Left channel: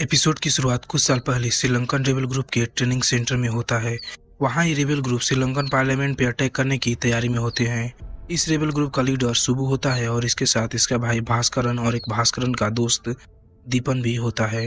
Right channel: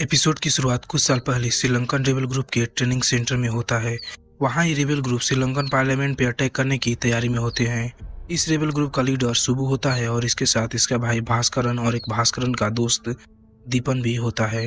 Episode की शुरुआत कुछ साल पहले श्रीलंकन रेबल ग्रुप के ट्रेनिंग सेंटर में होता है। वहाँ ये रेबल ग्रुप श्रीलंकन पार्लियामेंट पे अटैक करने की तैयारी में होते हैं। इस रेबल ग्रुप का लीडर सुबु होता है और इसके साथ इसका भाई भास्करन और एक भास्करन का दोस्त दीपन भी होता है।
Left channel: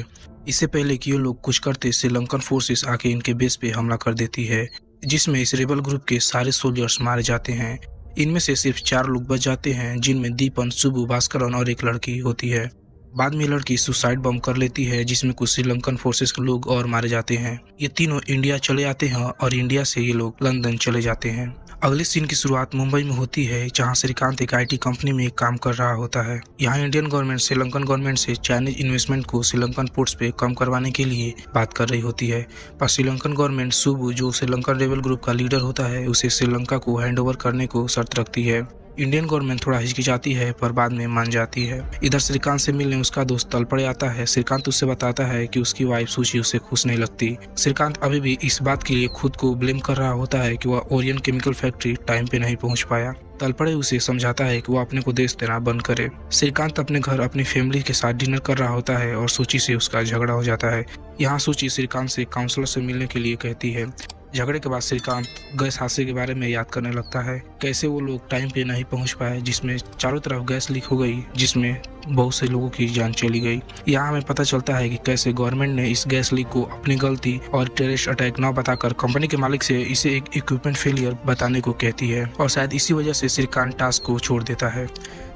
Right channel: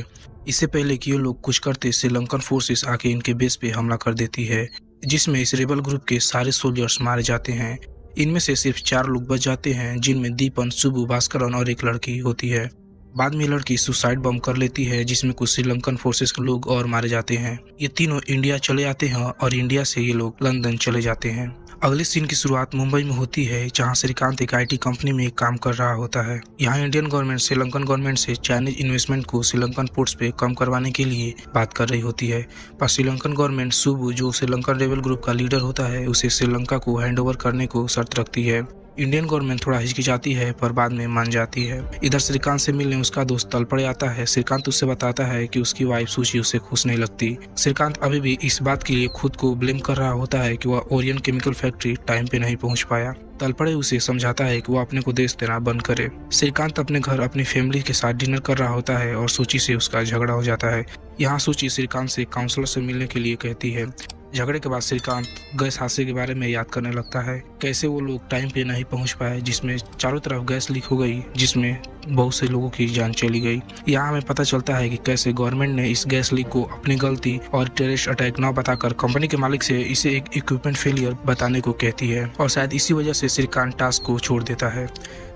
इससे पहले कि ये लोग कुछ करते श्रीलंकन फोर्सेस आके इनके बेस पे हमला कर देती है, जिसमें इस रेबल ग्रुप के सारे सोल्जर्स मारे जाते हैं। इनमें से सिर्फ 4 लोग बच जाते हैं, जिनमें दीपन, सुबु, भास्करन और एक लड़की होती है। बाद में लड़की सुसाइड बम कर लेती है, जिसमें कुछ श्रीलंकन फोर्सेस के लोग और मारे जाते हैं। ये तीनों इंडिया चले जाते हैं और इंडिया से ये लोग लंदन चले जाते हैं। अगली सीन की शुरुआत मुंबई में होती है, जहां श्रीकांत एक आईटी कंपनी में काम कर रहा होता है। यहाँ इंडियन गवर्नमेंट श्रीलंकन गवर्नमेंट से चाइनीज इन्वेस्टमेंट को श्रीलंकन पोर्ट्स पे कम करवाने के लिए बात कर रही होती है। पर श्रीलंकन गवर्नमेंट सुबु, जो श्रीलंकन रेबल ग्रुप का लीडर होता है, उसे श्रीलंका को हैंडओवर करने को शर्त रखती है। इंडियन गवर्नमेंट थोड़ा हिचकिचाती है पर बाद में मान जाती है। इधर श्रीकांत से मिलने उसका दोस्त तलपड़े आता है। श्रीकांत उससे बताता है कि उसकी वाइफ सुशी उसे खुश नहीं लगती। श्रीकांत अभी भी इस बात के लिए खुद को ब्लेम कर रहा होता है कि वह ओरियन केमिकल फैक्ट्री टाइम पे नहीं पहुंच पाया। तलपड़े उसे समझाता है कि वो अपने को देश तरह बंद करे। श्रीकांत अपने घर अपनी फैमिली के साथ डिनर कर रहा होता है और सूची से उसका झगड़ा हो जाता है। यहाँ सूची श्रीकांत से काउंसलर से मिलने के लिए कहती है। झगड़े के बाद श्रीकांत गैस हादसे के बारे में याद करने लगता है, कैसे वो लोग टाइम पे नहीं पहुंच पाए, जिसमें चारों तरफ गैस लीक हो गई, जिसमें बहुत से लोगों की जान चली गई। यहाँ हमें पता चलता है कि कैसे गवर्नमेंट ने इस गैस लीक को अपनी गलती और टेररिस्ट अटैक न बताकर कंपनी के मालिक से इसे एक इक्विपमेंट फेलियर बताने को कहती है, और शायद इसी वजह से श्रीकांत टास्क को छोड़ देता है।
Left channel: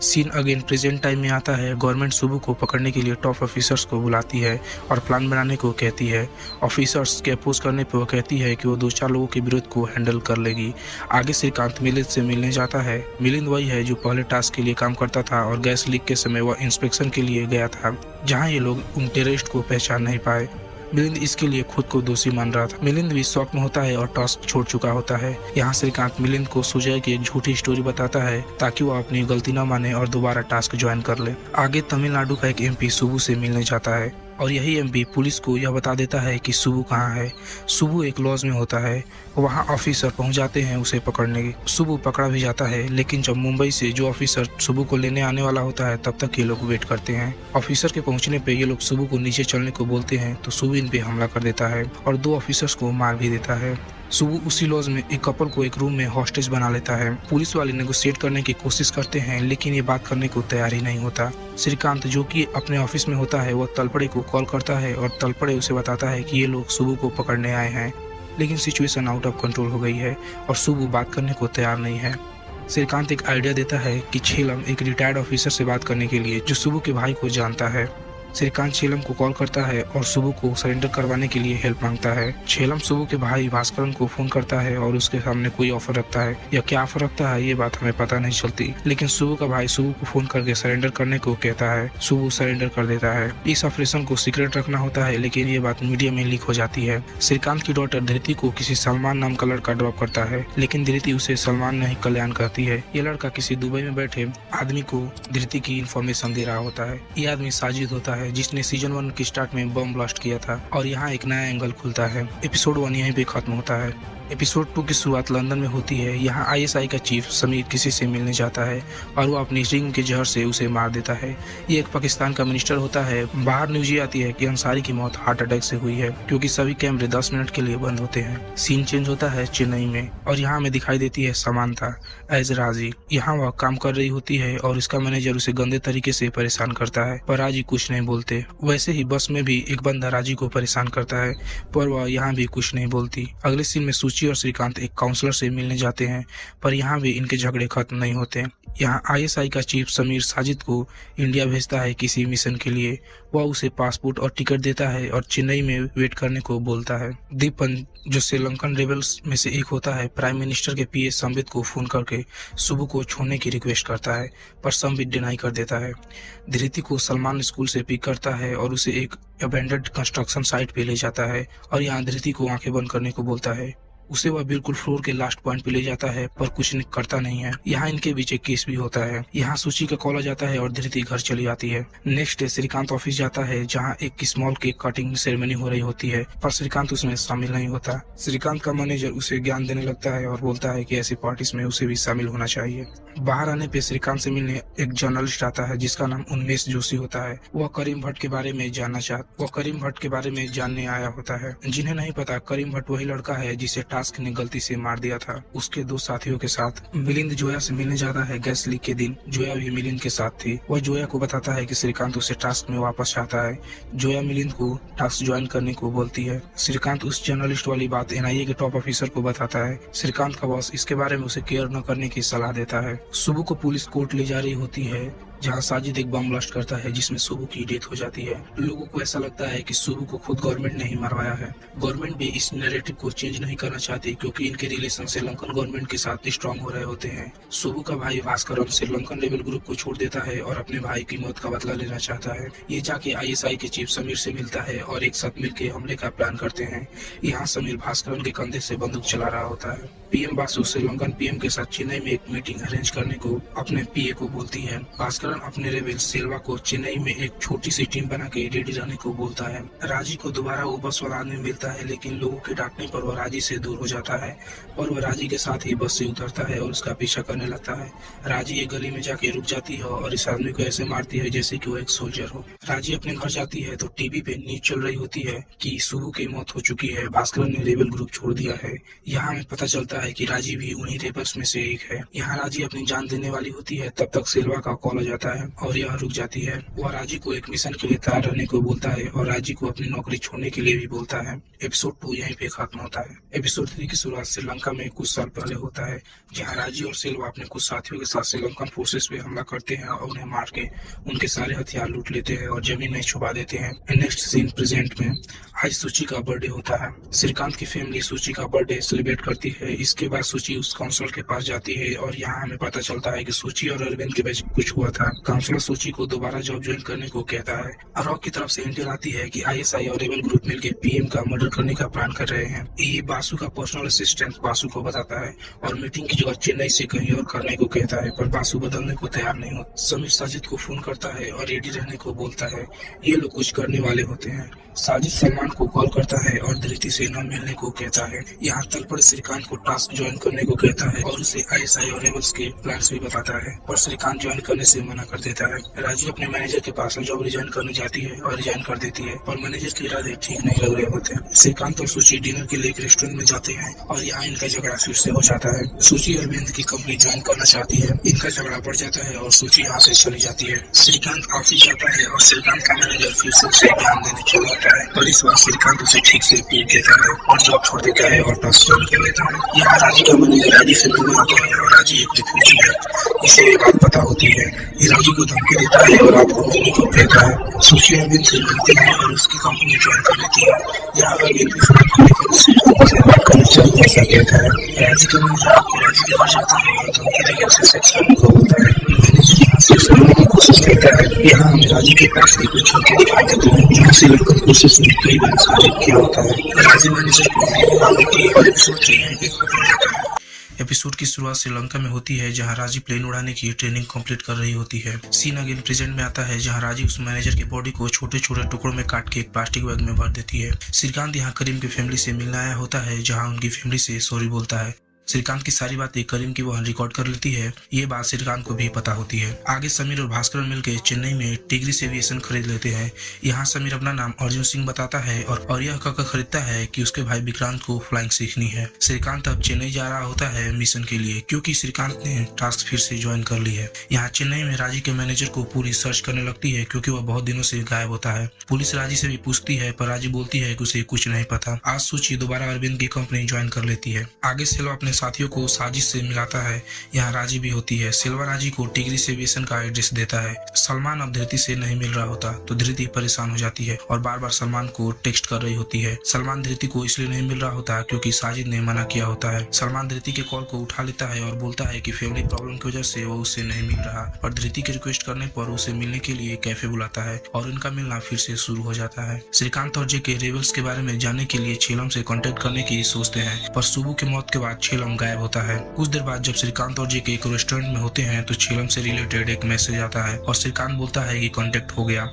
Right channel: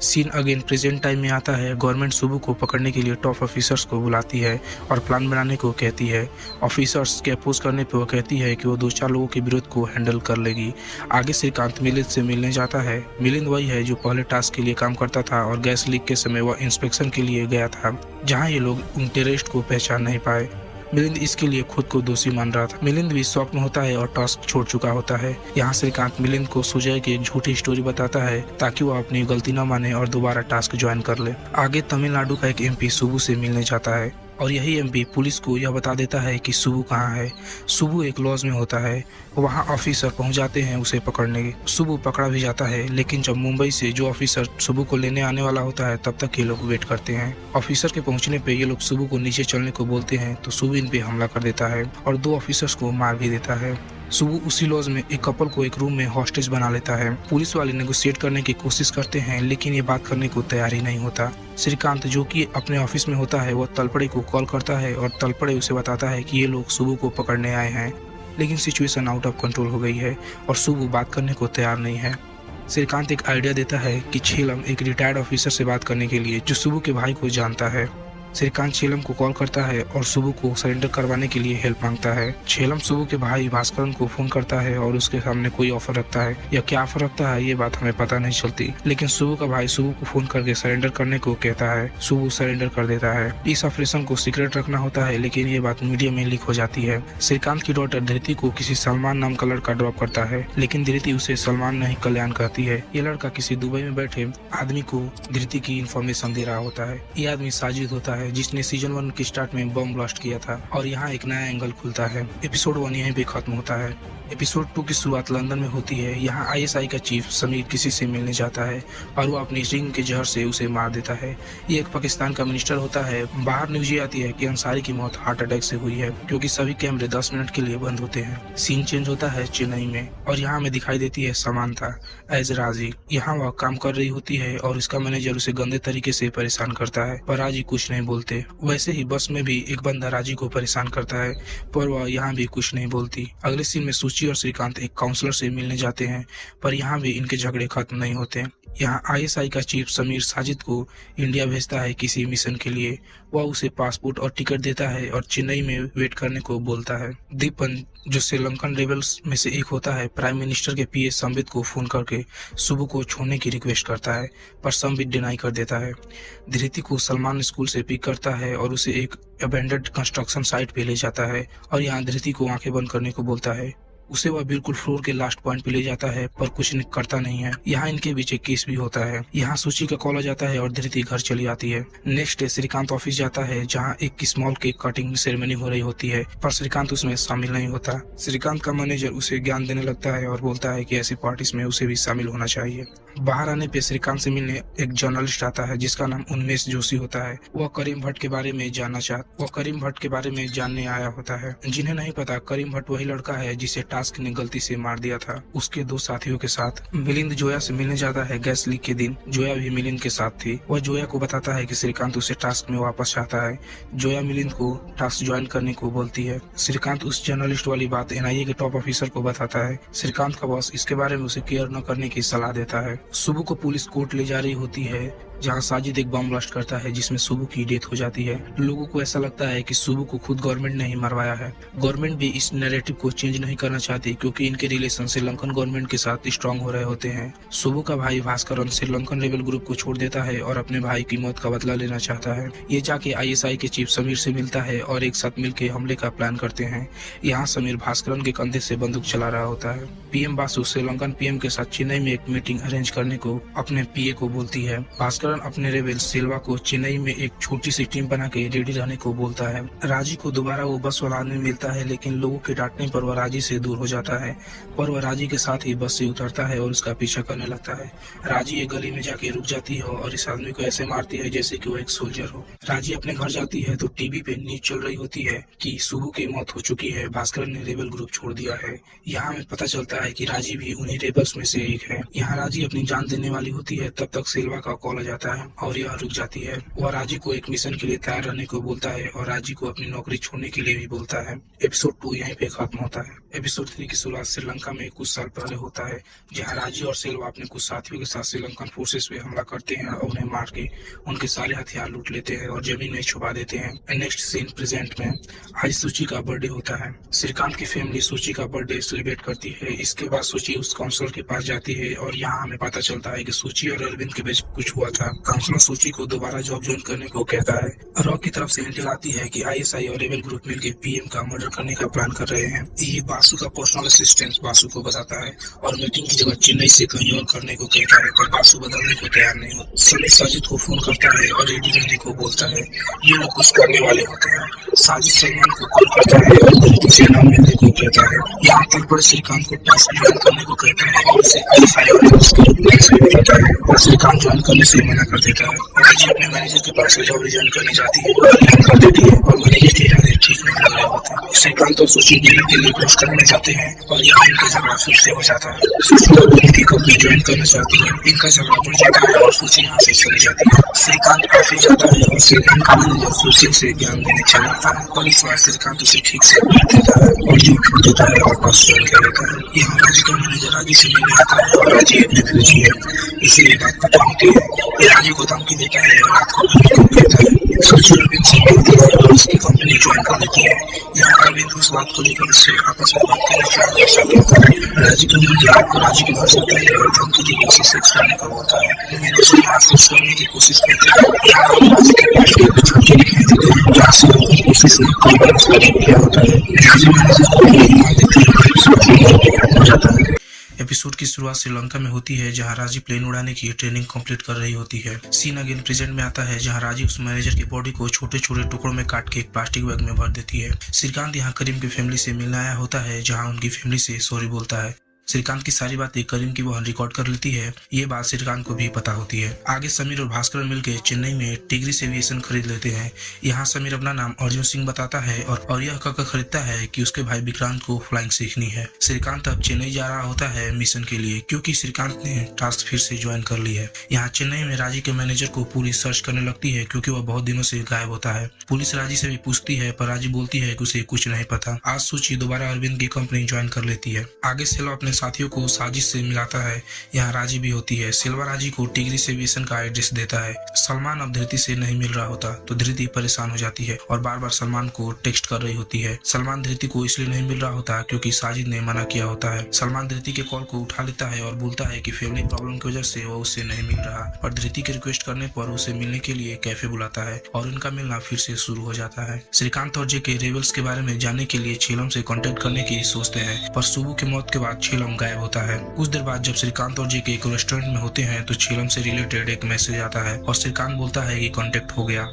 सीन अगेन प्रेजेंट टाइम में आता है। गवर्नमेंट सुबु को पकड़ने के लिए टॉप ऑफिसर्स को बुलाती है और प्लान बनाने को कहती है। ऑफिसर्स के अपोज करने पर वो कहती है कि वो 2-4 लोगों के विरोध को हैंडल कर लेगी। आगे श्रीकांत मिलिंद से मिलने जाता है। मिलिंद वही है जो पहले टास्क के लिए काम करता था और गैस लीक के समय वह इंस्पेक्शन के लिए गया था, जहां ये लोग उन टेररिस्ट को पहचान नहीं पाए। मिलिंद इसके लिए खुद को दोषी मान रहा था। मिलिंद भी शॉक में होता है और टास्क छोड़ चुका होता है। यहाँ श्रीकांत मिलिंद को सुजय की एक झूठी स्टोरी बताता है ताकि वो अपनी गलती न माने और दोबारा टास्क ज्वाइन कर ले। आगे तमिलनाडु का एक एमपी सुबु से मिलने जाता है और यही एमपी पुलिस को यह बता देता है कि सुबु कहाँ है। सुबु एक लॉज में होता है। वहाँ ऑफिसर पहुँच जाते हैं उसे पकड़ने। सुबु पकड़ा भी जाता है, लेकिन जब मुंबई से जो ऑफिसर सुबु को लेने आने वाला होता है, तब तक ये लोग वेट करते हैं। ऑफिसर के पहुँचने पे ये लोग सुबु को नीचे चलने को बोलते हैं, तो सुबु इन पे हमला कर देता है और 2 ऑफिसर्स को मार भी देता है। सुबु उसी लॉज में एक कपल को एक रूम में हॉस्टेज बना लेता है। पुलिस वाले नेगोशिएट करने की कोशिश करते हैं, लेकिन ये बात करने को तैयार ही नहीं होता। श्रीकांत, जो कि अपने ऑफिस में होता है, वह तलपड़े को कॉल करता है और तलपड़े उसे बताता है कि ये लोग सुबु को पकड़ने आए हैं, लेकिन सिचुएशन आउट ऑफ कंट्रोल हो गई है और सुबु बात करने को तैयार नहीं है। श्रीकांत एक आइडिया देता है कि छेलम एक रिटायर्ड ऑफिसर से बात करने के लिए, जो सुबु के भाई को जानता है। श्रीकांत छेलम को कॉल करता है और सुबु को सरेंडर करवाने के लिए हेल्प मांगता है। छेलम सुबु के भाई भास्करन को फोन करता है और उसके सामने कोई ऑफर रखता है, या क्या ऑफर रखता है ये बात हमें पता नहीं चलती, लेकिन सुबु का भाई सुबु को फोन करके सरेंडर करने को कहता है। सुबु सरेंडर कर देता है। इस ऑपरेशन को सीक्रेट रखना होता है, लेकिन ये बात मीडिया में लीक हो जाती है। श्रीकांत की डॉटर धृति को किसी सलमान नाम का लड़का ड्रॉप करता है, लेकिन धृति उसे सलमान नहीं कल्याण कहती है। ये लड़का किसी दुबई में बैठे आदमी को धृति की इन्फॉर्मेशन दे रहा होता है। ये आदमी साजिद होता है, जिसने सीजन 1 के स्टार्ट में बम ब्लास्ट किया था, और यहाँ एक नया एंगल खुलता है। एपिसोड 1 यहीं पे खत्म होता है। एपिसोड 2 की शुरुआत लंदन में होती है। यहाँ आईएसआई का चीफ समीर किसी से मिलने जाता है और वो अपनी रिंग के जहर से उसे मार देता है। ये एक पाकिस्तान का मिनिस्टर होता है। बाहर न्यूज ये आती है कि अंसारी की मौत हार्ट अटैक से हुई है, क्योंकि सभी कैमरे 10 मिनट के लिए बंद होते हैं। सीन चेंज होता है चेन्नई में और यहाँ हमें दिखाई देती है समांथा एज राजी। यहाँ वह काम कर रही होती है और उसका मैनेजर उसे गंदे तरीके से परेशान करता है, पर राजी कुछ नहीं बोलते। वैसे ही बस में भी एक बंदा राजी को परेशान करता है, पर वह यहाँ भी कुछ नहीं बोलती। अगले सीन में सुची और श्रीकांत एक काउंसलर से मिलने जाते हैं, पर यहाँ भी इनके झगड़े खत्म नहीं होते। यहाँ आईएसआई का चीफ समीर साजिद को इंडिया भेजता है किसी मिशन के लिए। वह उसे पासपोर्ट और टिकट देता है और चेन्नई में वेट करने को बोलता है। दीपन, जो श्रीलंकन रेबल्स में से एक होता है, प्राइम मिनिस्टर के पीए संबित को फोन करके सुबु को छोड़ने की रिक्वेस्ट करता है, पर संबित डिनाई कर देता है। धृति को सलमान स्कूल से पिक करता है और उसे एक अबेंडेड कंस्ट्रक्शन साइट पे ले जाता है और यहाँ धृति को आंखें बंद करने को बोलता है। उसे वह बिल्कुल फ्लोर के लास्ट पॉइंट पे ले जाता है पर कुछ करता नहीं है। यहाँ इनके बीच एक किस भी होता है। यहाँ सूची का कॉल आ जाता है और धीरे घर चली आती है। नेक्स्ट डे श्रीकांत ऑफिस जाता है जहाँ एक स्मॉल केक कटिंग सेरेमनी हो रही होती है पर श्रीकांत उसमें शामिल नहीं होता। श्रीकांत का मैनेजर उसे ज्ञान देने लगता है और बोलता है कि ऐसे पार्टीज में उसे भी शामिल होना चाहिए। बाहर आने पे श्रीकांत से मिलने एक जर्नलिस्ट आता है जिसका नाम उन्मेष जोशी होता है। वह करीम भट्ट के बारे में जानने आया होता है। जिन्हें नहीं पता, करीम भट्ट वही लड़का है जिसे टास्क ने गलती से मार दिया था उसके 2 साथियों के साथ। मिलिंद जोया से मिलने जाता है गैस लीक के दिन। जोया भी मिलिंद के साथ थी। वह जोया को बताता है कि श्रीकांत उसे टास्क में वापस चाहता है। जोया मिलिंद को टास्क ज्वाइन करने को बोलती है। श्रीकांत उस जर्नलिस्ट वाली बात एनआईए के टॉप ऑफिसर को बताता है। श्रीकांत का बॉस इसके बारे में उसे केयर न करने की सलाह देता है। सुबह को पुलिस कोर्ट ले जा रही होती है जहाँ साजिद एक बम ब्लास्ट करता है जिसमें सुबह की डेथ हो जाती है। लोगों को ऐसा लगता है कि सुबह को खुद गवर्नमेंट ने ही मरवाया है। गवर्नमेंट भी इस नैरेटिव को चेंज नहीं करना चाहती क्योंकि इनके रिलेशन श्रीलंकन गवर्नमेंट के साथ स्ट्रांग हो रहे होते हैं। सुबह का भाई भास्करन श्रीलंकन रेबल ग्रुप को छोड़ देता है और अपने भाई की मौत का बदला लेना चाहता है। ये जाके आईएसआई के चीफ समीर से मिलता है और एक साथ मिलकर हमले का प्लान करते हैं। यहाँ समीर भास्करन के कंधे से बंदूक चला रहा होता है। पीएम बासु श्रीलंकन पीएम के साथ चेन्नई में एक मीटिंग अरेंज करने को अपने पीए को बोलती है। भास्करन अपने रेबल सिल्वा को चेन्नई में एक छोटी सी टीम बना के रेडी रहने को बोलता है। राजी को दोबारा वो बस वाला आदमी मिलता है लेकिन लोगों के डांटने पर वह राजी से दूर हो जाता है और वह राजी के साथ ही बस से उतरता है और उसका पीछा करने लगता है। राजी एक गली में जाके रुक जाती है और इस आदमी को ऐसे मारती है जैसे कि वो एक सोल्जर हो। राजी अपने घर जाती है तो टीवी पे न्यूज चल रही होती है कि सुबह की मौत हो चुकी है, भास्करन ने रेबल ग्रुप छोड़ दिया है। यहाँ हमें पता चलता है कि राजी भी उन्हीं रेबल्स में से एक है। यहाँ राजी अपनी जान देने वाली होती है तब तक सिल्वा का कॉल आ जाता है और यह रुक जाती है। वह राजी को एक मिशन के लिए तैयार रहने को बोलता है और राजी को अपनी नौकरी छोड़ने के लिए भी बोलता है। एपिसोड 2 यहीं पे खत्म होता है। एपिसोड 3 की शुरुआत श्रीलंका में कुछ साल पहले होता है जहाँ राजी और सिल्वा अपने कुछ साथियों के साथ श्रीलंकन फोर्सेस पे हमला करते हैं और उन्हें मार के उनके सारे हथियार लूट लेते हैं और जमीन में छुपा देते हैं। नेक्स्ट सीन प्रेजेंट में आज सूची का बर्थडे होता है। श्रीकांत की फैमिली सूची का बर्थडे सेलिब्रेट करती है। इसके बाद सूची उस काउंसलर के पास जाती है और यहाँ हमें पता चलता है कि सूची और अरविंद के बीच कुछ हुआ था। काउंसलर सूची को दोबारा जॉब ज्वाइन करने को कहता है। रॉक की तरफ से इंटेल आती है कि आईएसआई और रेबल ग्रुप मिलकर पीएम का मर्डर करने का प्लान कर रहे हैं। ये बासु का पर्सनल असिस्टेंट बासु को बताता है और मीटिंग की जगह चेन्नई से कहीं और करने को कहता है पर बासु बदलने को तैयार नहीं होता। समीर साजिद को फोन करता है और रेडी रहने को बोलता है। ये लोग कुछ करने वाले होते हैं। साजिद सलमान को कॉल करता है और धरती से नाम मिलने को कहता है। यहाँ तक पर श्रीकांत को टास्क ज्वाइन करने को कहता है और उसे आईएसआई और उसके प्लान्स भी बताता है और श्रीकांत ज्वाइन करने से मना कर देता है। राजी अपने मैनेजर के पास जॉब रिजाइन करने जाती है और रिजाइन कर देती है और मैनेजर के इरादे ठीक नहीं लग रहे होते। श्रीकांत और सूची डिनर के लिए क्रॉस करने जाते हैं और यहाँ इनका झगड़ा फिर से हो जाता है। सूची और इनकी कंपनी ज्वाइन करना चाहती है। इनका झगड़ा बढ़ जाता है और सूची यहाँ से चली जाती है। श्रीकांत ऑफिस जाता है और श्रीकांत का मैनेजर फिर से ज्ञान देने चला जाता है पर इस बार श्रीकांत उसे ठीक से अपील देता है और जॉब छोड़ देता है और पास ज्वाइन कर लेता है। यहाँ राजी का मैनेजर राजी से मिलने आता है और राजी एक रिफ्यूजी है, इसे ये बात पता होती है। ये राजी को धमकी देता है और रात को मिलने को कहता है। सूची अरविंद से मिलती है और उसकी कंपनी ज्वाइन कर लेती है। यहाँ अरविंद उस बात को लेकर उससे आपस में बात करनी चाहिए ऐसा कहता है। राजी का मैनेजर आपको राजी के घर जाता है और धमकी देकर उसे सेक्स करने को बोलता है। मैनेजर यहाँ सेक्स करने की कोशिश करता है। यहाँ हम राजी के पास के कुछ झटके दिखाई देते हैं जहाँ से उनकी कोशिश ने कई बार उसका रेप किया होता है। राजी मैनेजर को नहीं मान देती है और एपिसोड 3 खत्म हो जाता है। एपिसोड की शुरुआत श्रीलंका में होती है जहां राजी प्लेन उड़ाने की ट्रेनिंग कंप्लीट कर रही होती है। सीन अगेन प्रेजेंट में आता है जहां राजी उस मैनेजर की बॉडी को छोटे छोटे टुकड़ों में काट के एक प्लास्टिक बैग में भर देती है। श्रीकांत यहाँ करीम की फैमिली से मिलने आया होता है जहाँ उनकी फैमिली से सॉरी बोलता है। श्रीकांत की सारी बातें करीम की बहन रिकॉर्ड कर लेती है। ये बात श्रीकांत को भी पता होती है। आगे समीर और भास्कर मिलकर चेन्नई में टिग्रिस एविएशन खरीद लेते हैं। यहाँ समीर अपना नाम अर्जुन सिंह बताता है और यह कहकर खरीदता है कि उसके भाई विक्रांत को फ्लाइंग सीखनी है। श्रीकांत अब चेन्नई जा रहा होता है मिशन के लिए क्योंकि श्रीकांत ने टास्क फिर से ज्वाइन कर ली है। यहाँ चेन्नई में राजी के मैनेजर को पुलिस सर्च करने लगती है क्योंकि वह बहुत दिनों से गायब होता है। पुलिस राजी से भी पूछती है पर राजी बोलती है कि उसे कुछ नहीं पता। आज सूची दोबारा अरविंद की कंपनी ज्वाइन कर लेती है। आगे सेलो अपने साथियों को साजिश से मिलाता है। यहाँ राजी भी होती है। सिल्वा राजी को टिगरी से वेसन का एड्रेस देता है। सलमान अब धृति से नहीं मिल रहा होता तो धृति परेशान हो जाती है और बार बार सलमान को टेक्स्ट कर रही होती है। सलमान धृति को इसलिए नहीं मिल रहा होता क्योंकि साजिद ने मना किया होता है। सलमान धृति के कॉल को उठा लेता है और बोलता है कि फैमिली प्रॉब्लम की वजह से वो उससे नहीं मिल रहा, पर धृति के रिक्वेस्ट करने पर उसे मिलने के लिए कैफे बुलाता है और उनका मिलना फिर से शुरू हो जाता है। श्रीकांत और जेके रेबल्स के बारे में जानने के लिए छेलम से कांटेक्ट करने की सोचते हैं, पर सुबु की मौत के बाद छेलम गायब होता है। कुछ देर बाद जब श्रीकांत और जेके एक रेस्टोरेंट में होते हैं तो छेलम से रिलेटेड एक मैसेज आता है और श्रीकांत बोलता है कि कांटेक्ट हो गया।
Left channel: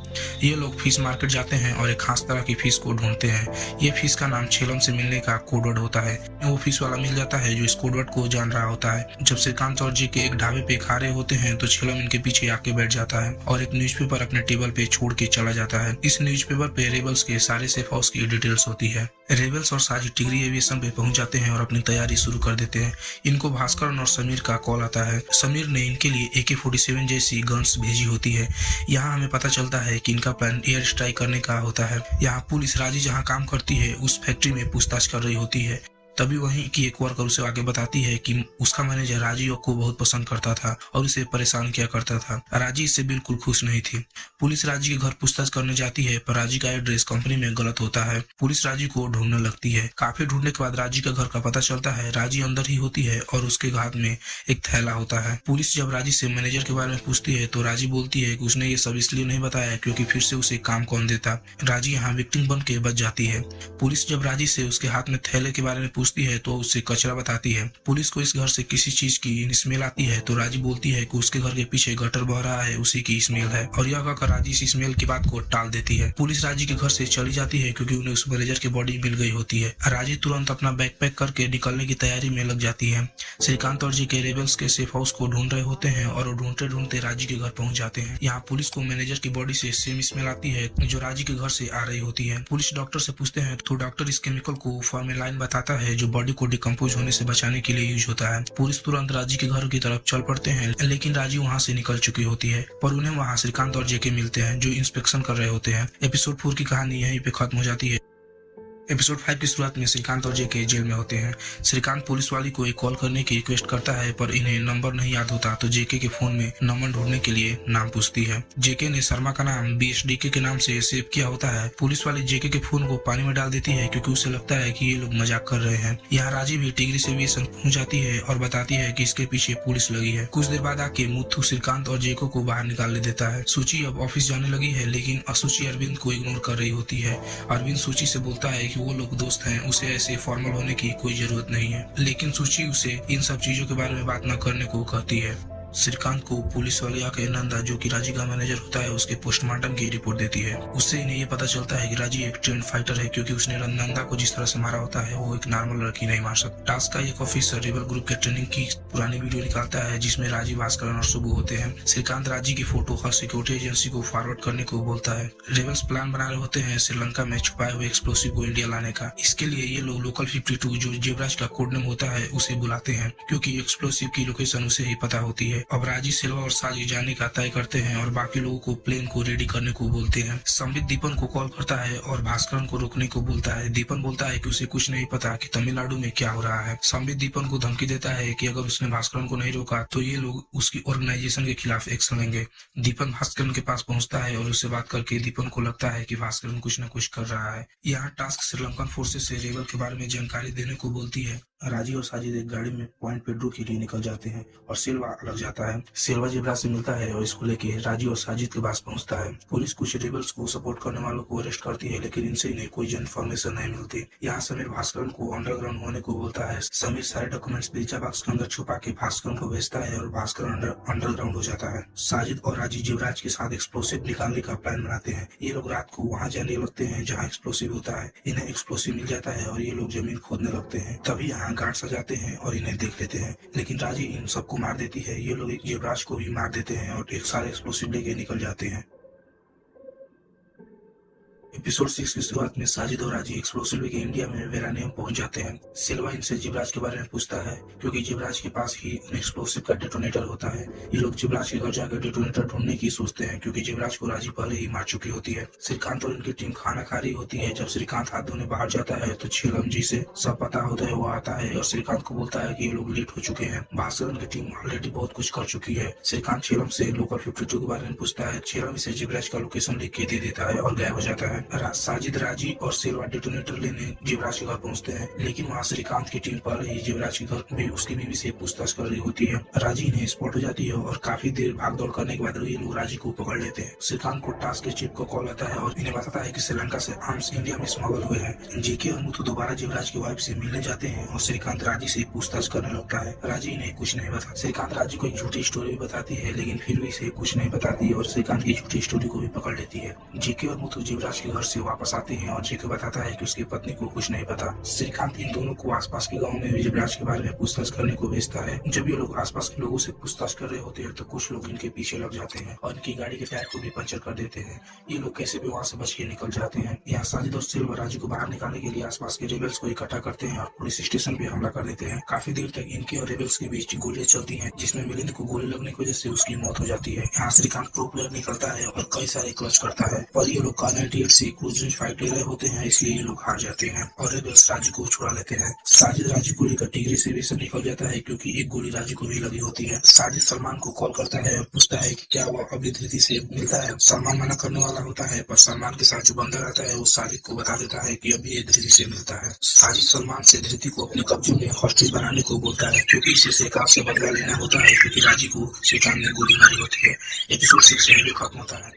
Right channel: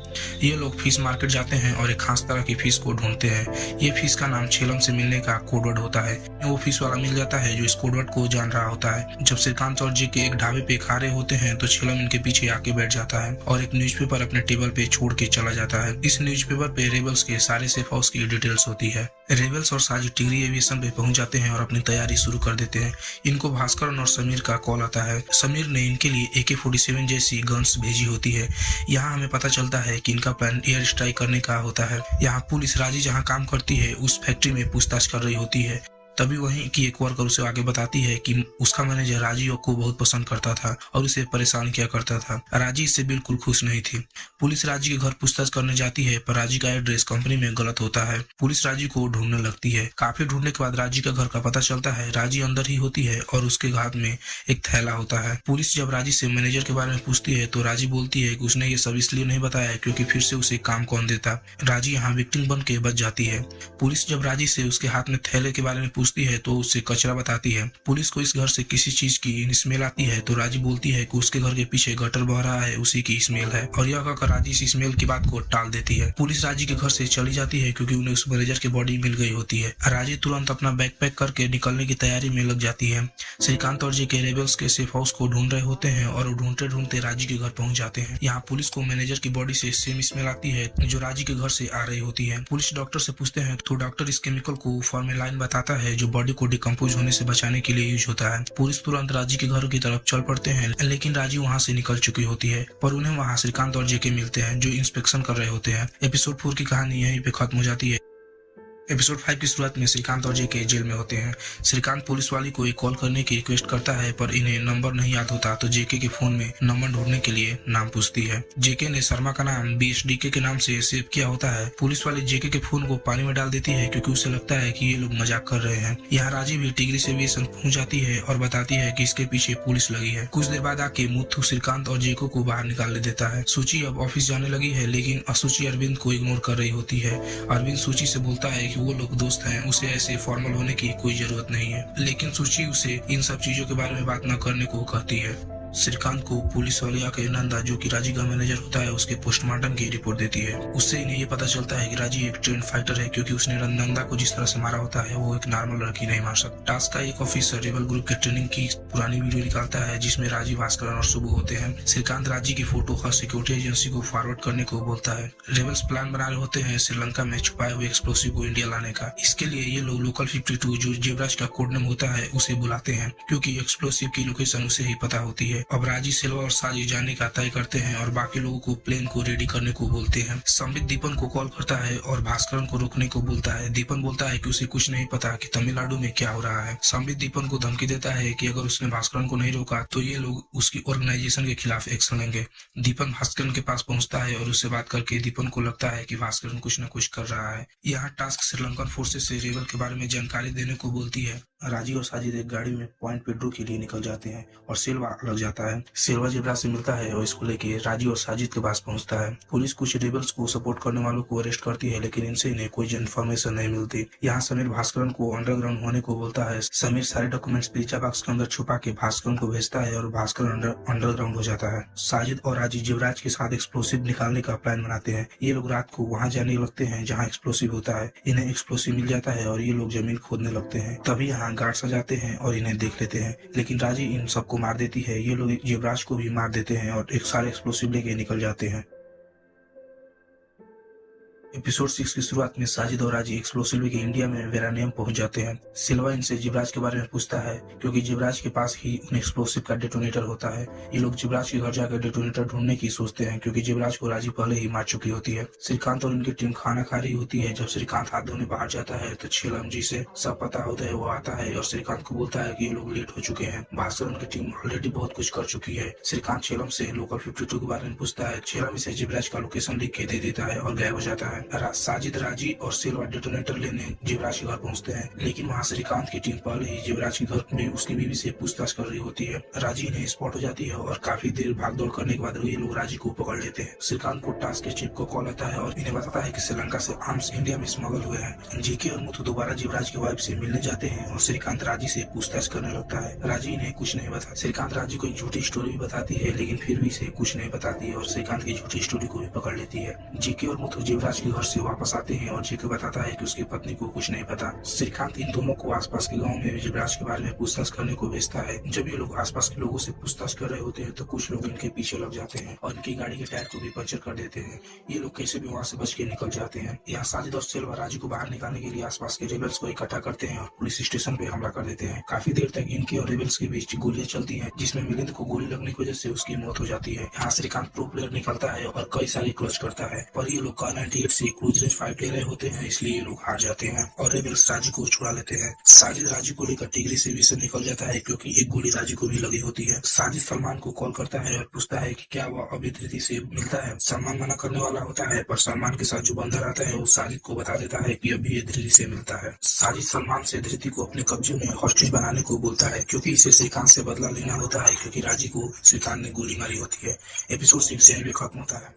ये लोग फिश मार्केट जाते हैं और एक खास तरह की फिश को ढूंढते हैं। ये फिश का नाम छेलम से मिलने का कोड वर्ड होता है। वो फिश वाला मिल जाता है जो इस कोड वर्ड को जान रहा होता है। जब श्रीकांत और जेके एक ढाबे पे खा रहे होते हैं तो छेलम उनके पीछे आके बैठ जाता है और एक न्यूज़पेपर अपने टेबल पे छोड़ के चला जाता है। इस न्यूज़पेपर पे रेबल्स के सारे सेफ हाउस की डिटेल्स होती है। रेबल्स और साजिद टिगरी एविएशन पे पहुंच जाते हैं और अपनी तैयारी शुरू कर देते हैं। इनको भास्कर और समीर का कॉल आता है। समीर ने इनके लिए AK-47 जैसी गन्स भेजी होती है। यहाँ हमें पता चलता है कि इनका प्लान एयर स्ट्राइक करने का होता है। यहाँ पुलिस राजी जहाँ काम करती है उस फैक्ट्री में पूछताछ कर रही होती है। तभी वहीं की एक वर्कर उसे आगे बताती है कि उसका मैनेजर राजीव को बहुत पसंद करता था और उसे परेशान किया करता था। राजी इससे बिल्कुल खुश नहीं थी। पुलिस राजी के घर पूछताछ करने जाती है पर राजी का एड्रेस कंपनी में गलत होता है। पुलिस राजी को ढूंढने लगती है। काफी ढूंढने के बाद राजी के घर का पता चलता है। राजी अंदर ही होती है और उसके हाथ में एक थैला होता है। पुलिस जब राजी से मैनेजर के बारे में पूछती है तो राजी बोलती है कि उसने ये सब इसलिए नहीं बताया क्योंकि फिर से उसे काम कौन देता। राजी यहाँ विक्टिम बन के बच जाती है। पुलिस जब राजी से उसके हाथ में थैले के बारे में पूछती है तो उससे कचरा बताती है। पुलिस को इस घर से किसी चीज की स्मेल आती है तो राजी बोलती है कि उसके घर के पीछे गटर बह रहा है, उसी की स्मेल है, और यह कहकर राजी इस स्मेल की बात को टाल देती है। पुलिस राजी के घर से चली जाती है क्योंकि उन्हें उस मैनेजर की बॉडी मिल गई होती है। राजी तुरंत अपना बैग पैक करके निकलने की तैयारी में लग जाती है। श्रीकांत और जेके रेबल्स के सेफ हाउस को ढूंढ रहे होते हैं और ढूंढते ढूंढते राजी के घर पहुंच जाते हैं। यहाँ पुलिस को मैनेजर की बॉडी से सेम स्मेल आती है जो राजी के घर से आ रही होती है। पुलिस डॉक्टर से पूछते हैं तो डॉक्टर इस केमिकल को फॉर्मेलाइन बताता है जो बॉडी को डिकम्पोज होने से बचाने के लिए यूज होता है। पुलिस तुरंत राजी के घर की तरफ चल पड़ते हैं लेकिन राजी वहाँ से निकल चुकी होती है, पर उन्हें वहाँ श्रीकांत और जेके मिलते हैं जो इंस्पेक्शन कर रहे होते हैं। एपिसोड 4 की कहानी यहीं पे खत्म हो जाती है। एपिसोड 5 की शुरुआत में श्रीकांत और जेके जेल में होते हैं। श्रीकांत पुलिस वाले को एक कॉल करने की रिक्वेस्ट करता है पर इन्हें नंबर नहीं याद होता तो जेके के फोन में नंबर ढूंढने के लिए नाम पूछती है। जेके ने शर्मा का नाम BSDK के नाम से सेव किया होता है। पुलिस वाले जेके के फोन को पानी में डाल देती है क्योंकि उसे लगता है कि ये लोग मजाक कर रहे हैं। यहाँ राजी भी टिगरी से भी पहुंच जाती है और बताती है कि इसके पीछे पुलिस लगी है। कुछ देर बाद आके मुथु श्रीकांत और जेको को बाहर निकाल देता है। सूची अब ऑफिस जाने लगी है लेकिन असुची अरविंद को इग्नोर कर रही होती है। अरविंद सूची से बोलता है कि वो लोग दोस्त हैं, उसे ऐसे फॉर्मल होने की कोई जरूरत नहीं है, लेकिन सूची उसे इन सब चीजों के बारे में बात न करने को कहती है। श्रीकांत को पुलिस वाले आकर नंदा जो कि राजी का मैनेजर होता है उसके पोस्टमार्टम की रिपोर्ट देती है। उससे इन्हें ये पता चलता है कि राजी एक ट्रेंड फाइटर है क्योंकि उसने नंदा को जिस तरह से मारा होता है वो एक नॉर्मल लड़की नहीं मार सकती। टास्क का एक ऑफिसर रेबल ग्रुप के ट्रेनिंग की पुरानी वीडियो निकालता है जिसमें राजी, भास्कर और सुबु होते हैं। श्रीकांत राजी की फोटो हर सिक्योरिटी एजेंसी को फॉरवर्ड करने को बोलता है। रेबल्स प्लान बना रहे होते हैं श्रीलंका में छुपाए हुए एक्सप्लोसिव को इंडिया लाने का। इसके लिए ये लोग लोकल 52 जो जेवराज का कोड नेम होता है उसे बुलाते हैं क्योंकि एक्सप्लोसिव की लोकेशन उसे ही पता होती है। अब राजी सिल्वा और साजिद जाने का तय करते हैं और बाकी लोगों को प्लेन को रेडी करने को बोलते हैं। संबित दीपन को कॉल करता है और भास्करन को रोकने को बोलता है। दीपन बोलता है कि उसे कुछ नहीं पता कि तमिलनाडु में क्या हो रहा है। संबित दीपन को धमकी देता है कि अगर उसने भास्करन को नहीं रोका तो ये लोग उसकी ऑर्गेनाइजेशन के खिलाफ एक्शन लेंगे। दीपन भास्करन के पास पहुंचता है और उससे बात करके दीपन को लगता है कि भास्करन कुछ न कुछ कर रहा है। यहाँ टास्क श्रीलंकन फोर्सेस से रेबल के बारे में जानकारी देने को बोलती है। राजी और साजिद एक गाड़ी में पॉइंट पेड्रो के लिए निकल जाते हैं और सिल्वा अलग जाता है। सिल्वा जेब्रा से मिलता है और इसको लेके राजी और साजिद के पास पहुंचता है। पुलिस कुछ रेबल्स को सपोर्ट करने वालों को अरेस्ट करती है लेकिन इनसे इन्हें कोई इन्फॉर्मेशन नहीं मिलती। यहाँ समीर भास्करन को अंडरग्राउंड होने को बोलता है। समीर सारे डॉक्यूमेंट्स बीचा बॉक्स के अंदर छुपा के भास्करन को भेजता है और भास्कर अंडरग्राउंड हो जाता है। साजिद और राजी जेवराज के साथ एक्सप्लोसिव निकालने का प्लान बनाते हैं। ये लोग रात को वहाँ जाने लगते हैं जहाँ एक्सप्लोसिव होता है। इन्हें एक्सप्लोसिव मिल जाता है और ये लोग जमीन खोदने लगते हैं। तभी यहाँ गार्ड्स आ जाते हैं और इन्हें देख लेते हैं लेकिन राजी इन सबको मार देती है। ये लोग युवराज को भी मार देते हैं और एक सारे एक्सप्लोसिव लेके निकल जाते हैं। एपिसोड 6 की शुरुआत में साजिद और राजी एक्सप्लोसिव लेके इंडिया में वेरानियम पहुंच जाते हैं। सिल्वा इनसे जिवराज के बारे में पूछता है क्योंकि जिवराज के पास ही उन एक्सप्लोसिव का डेटोनेटर होता है। ये लोग जिवराज के घर जाकर डेटोनेटर ढूंढने की सोचते हैं क्योंकि जिवराज को राजी पहले ही मार चुकी होती है। श्रीकांत और इनकी टीम खाना खा रही होती है। जब श्रीकांत हाथ धोने बाहर जाता है तो छीलम जी से सब पता होता है। वो आता है और श्रीकांत को बोलता है कि ये लोग लेट हो चुके हैं। भास्करन की टीम ऑलरेडी बहुत कुछ कर चुकी है। श्रीकांत छीलम से लोकल 52 के बारे में पूछता है। छीलम इसे जिवराज का लोकेशन लिख के दे देता है और गायब हो जाता है। साजिद, राजी और सिल्वा डेटोनेटर लेने जिवराज के घर पहुंचते हैं, लेकिन वहां श्रीकांत की टीम पहले ही जिवराज के घर में उसकी बीवी से पूछताछ कर रही होती है। राजी इन्हें स्पॉट हो जाती है और काफी देर भाग दौड़ करने के बाद ये लोग राजी को पकड़ लेते हैं। श्रीकांत को टास्क के चीफ को कॉल आता है और इन्हें बताता है कि श्रीलंका से आर्म्स इंडिया में स्मगल हुए हैं। जीके और मुथु दोबारा जिवराज की वाइफ से मिलने जाते हैं और श्रीकांत राजी से पूछताछ करने लगता है। राजी इन्हें कुछ नहीं बताती। श्रीकांत राजी को एक झूठी स्टोरी बताती है, लेकिन फिर भी इसे कुछ नहीं बताती और श्रीकांत की झूठी स्टोरी को भी पकड़ लेती है। जीके और मुथु जिवराज के घर से वापस आते हैं और जीके बताता है कि उसकी पत्नी को कुछ नहीं पता। श्रीकांत इन दोनों को आसपास के गांव में जिवराज के बारे में पूछताछ करने को भेजता है। जब ये लोग आसपास के लोगों से पूछताछ कर रहे होते हैं तो कुछ लोग इनके पीछे लग जाते हैं और इनकी गाड़ी के टायर को भी पंचर कर देते हैं। ये लोग कैसे भी वहाँ से बच के निकल जाते हैं। यहाँ साजिद और सिल्वा राजू को बाहर निकालने के लिए आसपास के रेबल्स को इकट्ठा करते हैं और पुलिस स्टेशन पे हमला कर देते हैं। काफी देर तक इनके और रेबल्स के बीच गोलियां चलती हैं, जिसमें मिलिंद को गोली लगने की वजह से उसकी मौत हो जाती है। यहाँ श्रीकांत प्रो प्लेयर निकलता है और कई सारे क्लच करता है, पर ये लोग Kar-98 से क्रूज रेंज फाइट ले रहे होते हैं, इसलिए ये लोग हार जाते हैं और रेबल्स राजू को छुड़ा लेते हैं। साजिद राजू को लेकर टिगरी से भी निकल जाता है क्योंकि एक गोली राजू को भी लगी होती है। साजिद सलमान को कॉल करता है और पूछता है कि क्या वह अभी धृति से मिलता है। सलमान मना करने वाला होता है, पर सलमान के साथ जो बंदा रहता है वो साजिद को बता देता है कि अभी ये धृति से मिलता है। साजिद सलमान से धृति को अपने कब्जे में हॉस्टेज बनाने को बोलता है क्योंकि इसे श्रीकांत से बदला लेना होता है क्योंकि राजी को श्रीकांत ने गोली मारी होती है। एपिसोड 6 यहीं पे खत्म होता है।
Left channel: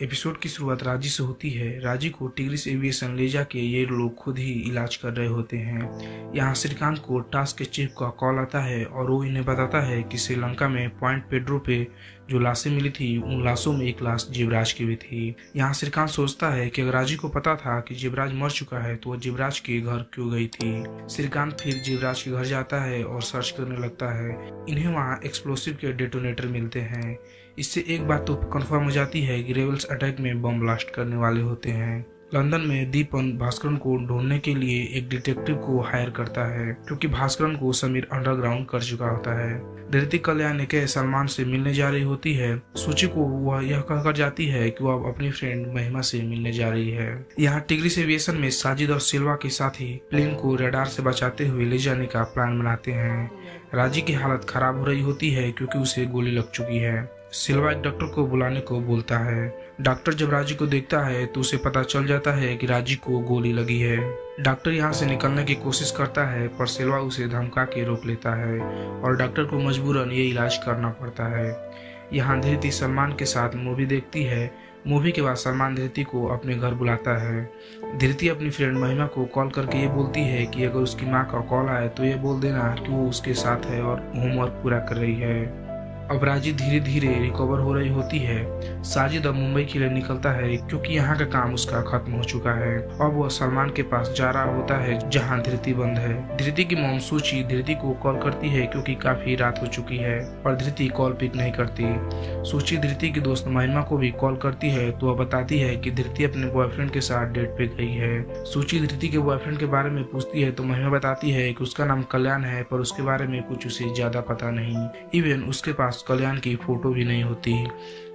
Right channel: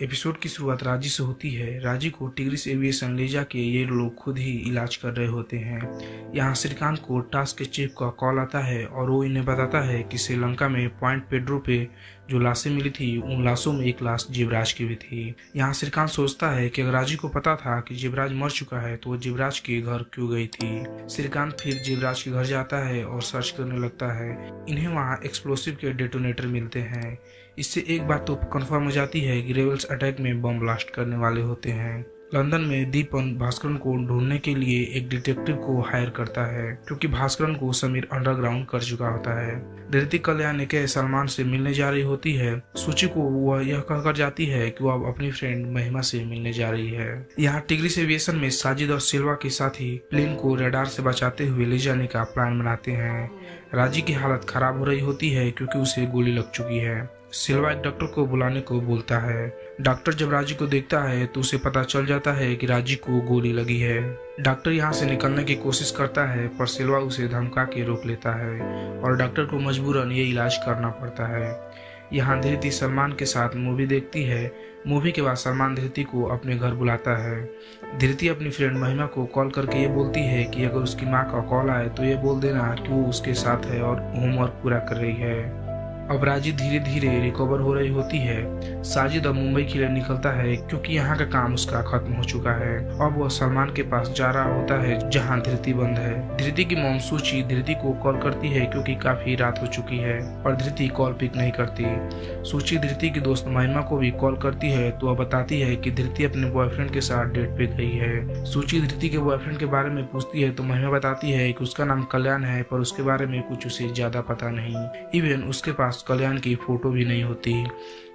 एपिसोड की शुरुआत राजी से होती है। राजी को टिग्रिस एविएशन ले जाके ये लोग खुद ही इलाज कर रहे होते हैं। यहाँ श्रीकांत को टास्क के चीफ का कॉल आता है और वो इन्हें बताता है कि श्रीलंका में पॉइंट पेड्रो पे जो लाशें मिली थी उन लाशों में एक लाश जिवराज की भी थी। यहाँ श्रीकांत सोचता है कि अगर राजी को पता था कि जिवराज मर चुका है तो वो जिवराज के घर क्यों गई थी। श्रीकांत फिर जिवराज के घर जाता है और सर्च करने लगता है। इन्हें वहाँ एक्सप्लोसिव के डेटोनेटर मिलते हैं। इससे एक बात तो कंफर्म हो जाती है कि रेबल्स अटैक में बम ब्लास्ट करने वाले होते हैं। लंदन में दीपन भास्करन को ढूंढने के लिए एक डिटेक्टिव को हायर करता है क्योंकि भास्करन को समीर अंडरग्राउंड कर चुका होता है। धृति कल्याण के सलमान से मिलने जा रही होती है। सूची को वह यह कहकर जाती है कि वह अपनी फ्रेंड महिमा से मिलने जा रही है। यहाँ टिग्रिस एविएशन में साजिद और सिल्वा के साथ ही प्लेन को रडार से बचाते हुए ले जाने का प्लान बनाते हैं। राजी की हालत खराब हो रही होती है क्योंकि उसे गोली लग चुकी है। सिल्वा एक डॉक्टर को बुलाने को बोलता है। डॉक्टर जब राजी को देखता है तो उसे पता चल जाता है कि राजी को गोली लगी है। डॉक्टर यहाँ से निकलने की कोशिश करता है पर सिल्वा उसे धमका के रोक लेता है और डॉक्टर को मजबूरन ये इलाज करना पड़ता है। यहाँ धृति सलमान के साथ मूवी देखती है। मूवी के बाद सलमान धृति को अपने घर बुलाता है। धृति अपनी फ्रेंड महिमा को कॉल करके ये बोलती है कि अगर उसकी माँ का कॉल आए तो ये बोल देना कि वो उसके साथ है और होमवर्क पूरा कर रही है। अब राजी धीरे धीरे रिकवर हो रही होती है। साजिद अब मुंबई के लिए निकलता है क्योंकि यहाँ का काम उसका खत्म हो चुका है। अब वह सलमान के पास जा रहा होता है जहाँ धृति बंद है। धृति की मॉम सूची धृति को कॉल करती है क्योंकि काफी रात हो चुकी है और धृति कॉल पिक नहीं करती। सूची धृति की दोस्त महिमा को भी कॉल करती है तो वह बताती है कि धृति अपने बॉयफ्रेंड के साथ डेट पे गई है। सूची धृति के बॉयफ्रेंड के बारे में पूछती है तो महिमा बताती है कि उसका नाम कल्याण है पर उसके बारे में कुछ उसे ज्यादा पता नहीं। इवन उसके पास कल्याण की फोटो भी नहीं होती।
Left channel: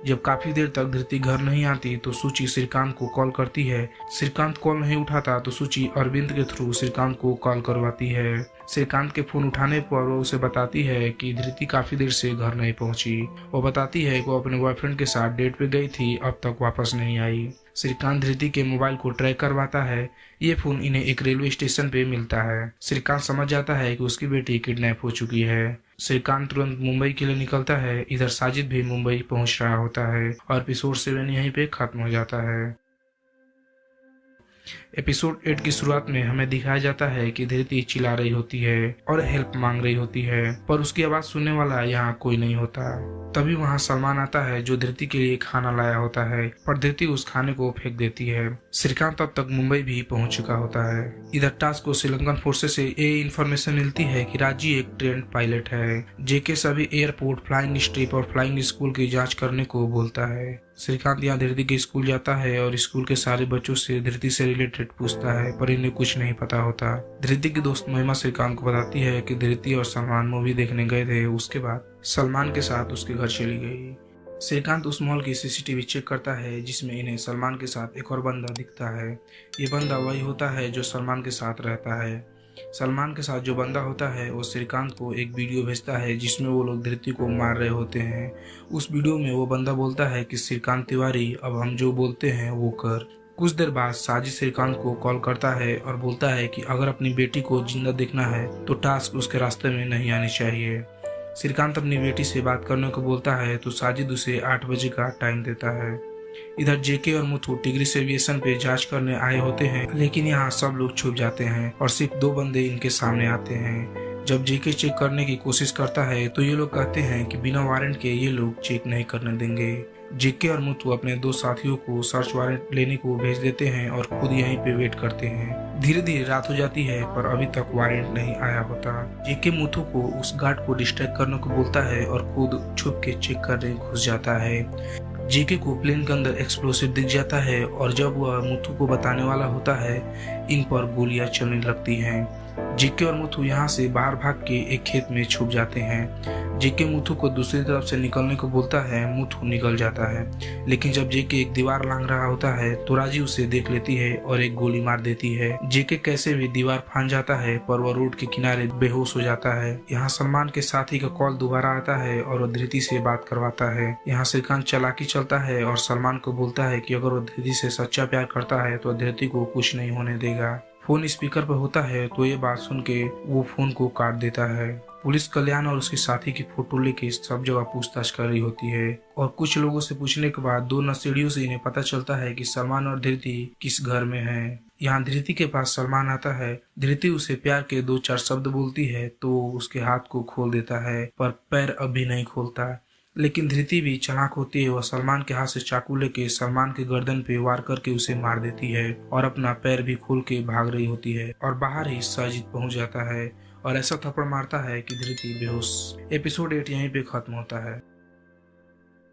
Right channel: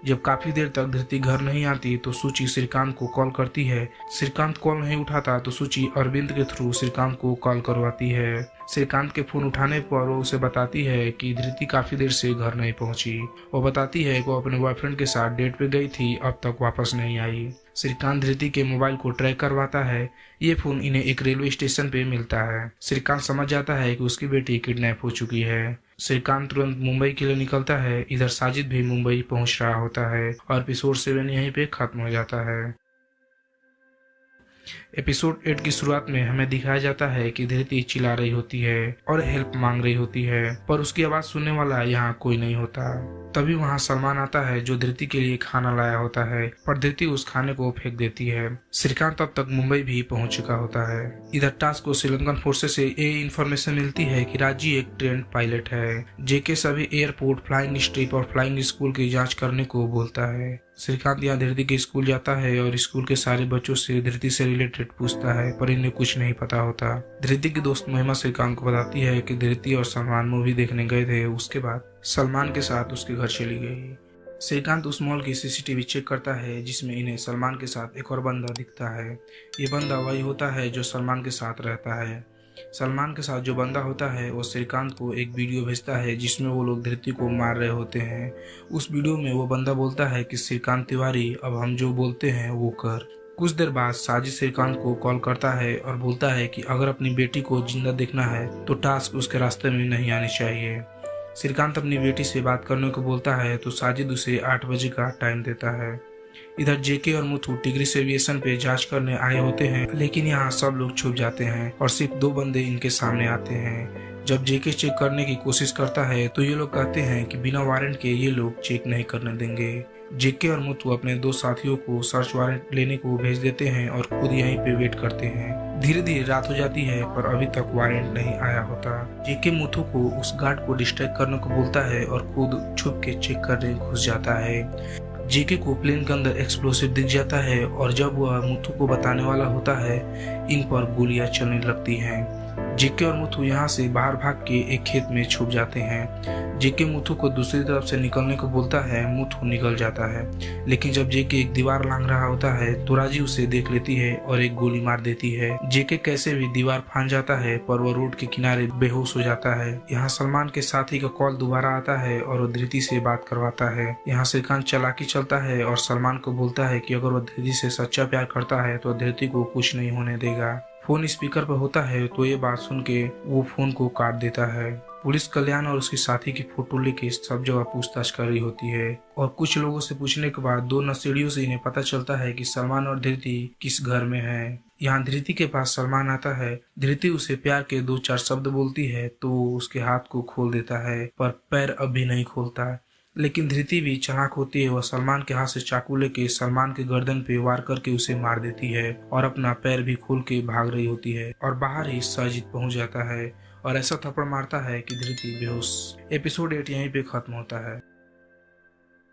जब काफी देर तक धृति घर नहीं आती तो सूची श्रीकांत को कॉल करती है। श्रीकांत कॉल नहीं उठाता तो सूची अरविंद के थ्रू श्रीकांत को कॉल करवाती है। श्रीकांत के फोन उठाने पर वो उसे बताती है कि धृति काफी देर से घर नहीं पहुंची। वो बताती है कि वो अपने बॉयफ्रेंड के साथ डेट पे गई थी, अब तक वापस नहीं आई। श्रीकांत धृति के मोबाइल को ट्रैक करवाता है। ये फोन इन्हें एक रेलवे स्टेशन पे मिलता है। श्रीकांत समझ जाता है कि उसकी बेटी किडनैप हो चुकी है। श्रीकांत तुरंत मुंबई के लिए निकलता है। इधर साजिद भी मुंबई पहुंच रहा होता है और एपिसोड 7 यहीं पे खत्म हो जाता है। एपिसोड 8 की शुरुआत में हमें दिखाया जाता है कि धृति चिल्ला रही होती है और हेल्प मांग रही होती है, पर उसकी आवाज सुनने वाला यहाँ कोई नहीं होता। तभी वहाँ सलमान आता है जो धृति के लिए खाना लाया होता है, पर धृति उस खाने को फेंक देती है। श्रीकांत अब तक मुंबई भी पहुंच चुका होता है। इधर टास्क को श्रीलंकन फोर्सेस से ये इन्फॉर्मेशन मिलती है कि राजी एक ट्रेंड पायलट है। जेके सभी एयरपोर्ट, फ्लाइंग स्ट्रिप और फ्लाइंग स्कूल की जाँच करने को बोलता है। श्रीकांत यहाँ धृति के स्कूल जाता है और स्कूल के सारे बच्चों से धृति से रिलेटेड पूछता है, पर इन्हें कुछ नहीं पता होता। धृति की दोस्त महिमा श्रीकांत को बताती है कि धृति और सलमान मूवी देखने गए थे, उसके बाद सलमान के साथ उसके घर चली गई। श्रीकांत उस मॉल की सीसीटीवी चेक करता है जिसमें इन्हें सलमान के साथ एक और बंदा दिखता है। ये बंदा वही होता है जो सलमान के साथ रहता है। सलमान के साथ जो बंदा होता है वो श्रीकांत को एक वीडियो भेजता है जिसमें वो लोग धृति को मार रहे होते हैं। उस वीडियो में वो बंदा बोलता है कि श्रीकांत तिवारी, अब हम जो बोलते हैं वो कर। कुछ देर बाद साजिद श्रीकांत को कॉल करता है और बोलता है कि अगर अपनी बेटी को जिंदा देखना है तो टास्क उसके रास्ते में नहीं आनी चाहिए। श्रीकांत अपनी बेटी से बात करने को बोलता है तो साजिद उसे 8 बजे का टाइम देता है। इधर जेके और मुथु टिग्रिस एविएशन पे जांच करने आए होते हैं, लेकिन यहाँ सब लोग छुप जाते हैं और सिर्फ 2 बंदे इनके सामने आते हैं। जब जेके चेक करने की कोशिश करता है तो ये लोग कहते हैं कि बिना वारंट के ये लोग चेक नहीं करने देंगे। जेके और मुथु अपने 2 साथियों को सर्च वारंट लेने को भेज देते हैं और खुद यहीं पे वेट करते हैं। धीरे धीरे रात हो जाती है पर अभी तक वारंट नहीं आया होता। जेके मुथु को उस गार्ड को डिस्ट्रैक्ट करने को बोलता है और खुद छुप के चेक करने घुस जाता है। जेके को प्लेन के अंदर एक्सप्लोसिव दिख जाता है और जब वह मुथु को बताने वाला होता है इन पर गोलियां चलने लगती हैं। जेके और मुथु यहाँ से बाहर भाग के एक खेत में छुप जाते हैं। जेके मुथु को दूसरी तरफ से निकलने को बोलता है, मुथु निकल जाता है, लेकिन जब जेके एक दीवार लांघ रहा होता है तो राजी उसे देख लेती है और एक गोली मार देती है। जेके कैसे भी दीवार फांद जाता है पर वह रोड के किनारे बेहोश हो जाता है। यहाँ सलमान के साथी का कॉल दोबारा आता है और वह धृति से बात करवाता है। यहाँ श्रीकांत चालाकी चलता है और सलमान को बोलता है कि अगर वह धृति से सच्चा प्यार करता है तो धृति को कुछ नहीं होने देगा। फोन स्पीकर पर होता है तो ये बात सुन के वो फोन को काट देता है। पुलिस कल्याण और उसके साथी की फोटो लेके सब जगह पूछताछ कर रही होती है और कुछ लोगों से पूछने के बाद 2 नशेड़ियों से इन्हें पता चलता है कि सलमान और धृति किस घर में है। यहाँ धृति के पास सलमान आता है। धृति उसे प्यार के 2-4 शब्द बोलती है तो उसके हाथ को खोल देता है पर पैर अब भी नहीं खोलता। लेकिन धृति भी चालाक होती है। वह सलमान के हाथ से चाकू लेके सलमान के गर्दन पे वार करके उसे मार देती है और अपना पैर भी खोल के भाग रही होती है और बाहर ही साजिद पहुंच जाता है और ऐसा थप्पड़ मारता है कि धृति बेहोश। एपिसोड 8 यहीं पे खत्म होता है।